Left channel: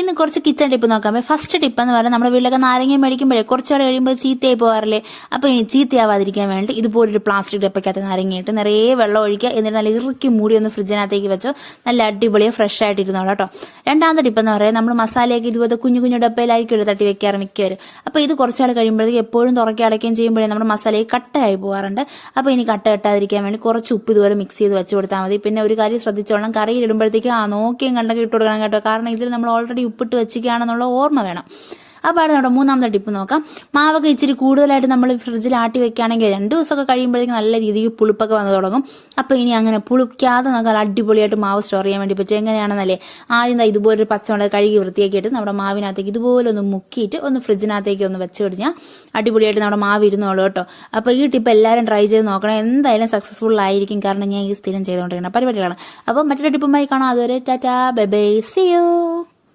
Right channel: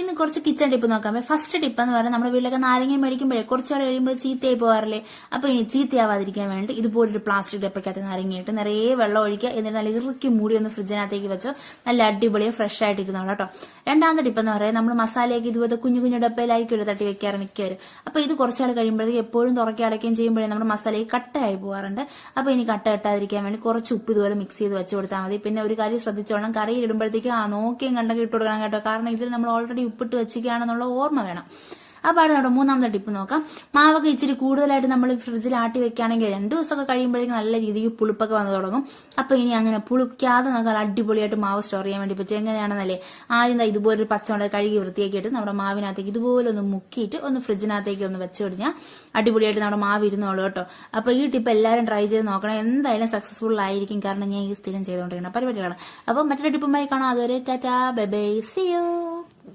ഇന്ന് കുറച്ച് kitchen tip നോക്കാം. ഫസ്റ്റ് ടിപ്പ് എന്ന് പറഞ്ഞാൽ നമ്മുടെ വീട്ടിലൊക്കെ നാരങ്ങ മേടിക്കുമ്പോഴേ കുറച്ചുകൂടെ കഴിയുമ്പോൾ ചീത്തയായി പോകാറില്ലേ. അപ്പോൾ ഇനി ചീത്തയാവാതിരിക്കാൻ വേണ്ടി ഇതുപോലൊരു പ്ലാസ്റ്റിക് ഡപ്പയ്ക്കകത്ത് നാരങ്ങയിട്ട് നിറയെ വെള്ളം ഒഴിക്കുക. എന്നിട്ട് നല്ല ഇറുക്കി മൂടി ഒന്ന് ഫ്രിഡ്ജിനകത്തേക്ക് വെച്ചോ. നല്ല അടിപൊളിയെ ഫ്രഷ് ആയിട്ട് ഇരുന്നോളൂ കേട്ടോ. രണ്ടാമത്തെ ടിപ്പ് എന്ന് പറയുന്നത് നമ്മൾ മസാലയൊക്കെ ഇതുപോലെ കുഞ്ഞു കുഞ്ഞു ഡപ്പയിലായിരിക്കും തട്ടി വെക്കാറ് മിക്കവരും. അപ്പോൾ ഇത് കുറച്ചാൾ കഴിയുമ്പോഴത്തേക്ക് എപ്പോഴും തുറക്കി അടയ്ക്കുകയും ചെയ്യുമ്പോഴേ നമ്മുടെ മസാലയിൽ കട്ടയായി പോകാറുണ്ട്. അപ്പോൾ ഇനി കട്ട കെട്ടാതിരിക്കാൻ വേണ്ടി കുറച്ച് ഉപ്പ് ഇതുപോലെ മിക്സ് ചെയ്ത് വെച്ച് കൊടുത്താൽ മതി. പിന്നെ ഒരു കാര്യം ശ്രദ്ധിച്ചോളണം, കറിയിൽ ഇടുമ്പോഴത്തേക്ക് നോക്കിയും കണ്ടൊക്കെ ഇട്ട് കൊടുക്കണം കേട്ടോ. കാരണം ഇതിൽ നമ്മൾ ഓൾറെഡി ഉപ്പിട്ട് വെച്ചിരിക്കുകയാണെന്നുള്ള ഓർമ്മ വേണം. അപ്പോൾ നമ്മുടെ മൂന്നാമത്തെ ടിപ്പ് നോക്കാം. മാവൊക്കെ ഇച്ചിരി കൂടുതലായിട്ട് നമ്മൾ ഫ്രിഡ്ജിൽ ആട്ടി വെക്കുകയാണെങ്കിൽ 2 ദിവസമൊക്കെ കഴിയുമ്പോഴേക്കും നല്ല രീതിയിൽ പുളിപ്പൊക്കെ വന്നു തുടങ്ങും. അപ്പോൾ ഇനി അങ്ങനെ പുളിക്കാതെ നമുക്ക് അടിപൊളിയായിട്ട് മാവ് സ്റ്റോർ ചെയ്യാൻ വേണ്ടി പറ്റും. എങ്ങനെയാണെന്നല്ലേ, ആദ്യം ഇതുപോലൊരു പച്ചമുളക് കഴുകി വൃത്തിയാക്കിയിട്ട് നമ്മുടെ മാവിനകത്തേക്ക് ഇതുപോലെ ഒന്ന് മുക്കിയിട്ട് ഒന്ന് ഫ്രിഡ്ജിനകത്തേക്ക് ഒന്ന് വെച്ച് കഴിഞ്ഞാൽ അടിപൊളിയായിട്ട് നമ്മുടെ മാവ് ഇരുന്നോളൂ കേട്ടോ. അപ്പോൾ ഈ ടിപ്പ് എല്ലാവരും ട്രൈ ചെയ്ത് നോക്കണം. എന്തായാലും സക്സസ്ഫുൾ ആയിരിക്കും. കാരണം ഞാൻ ഈ സ്ഥിരം ചെയ്തുകൊണ്ടിരിക്കുന്ന പരിപാടികളാണ്. അപ്പോൾ മറ്റൊരു ടിപ്പുമായി കാണാം. അതുവരെ tata bye bye, see U.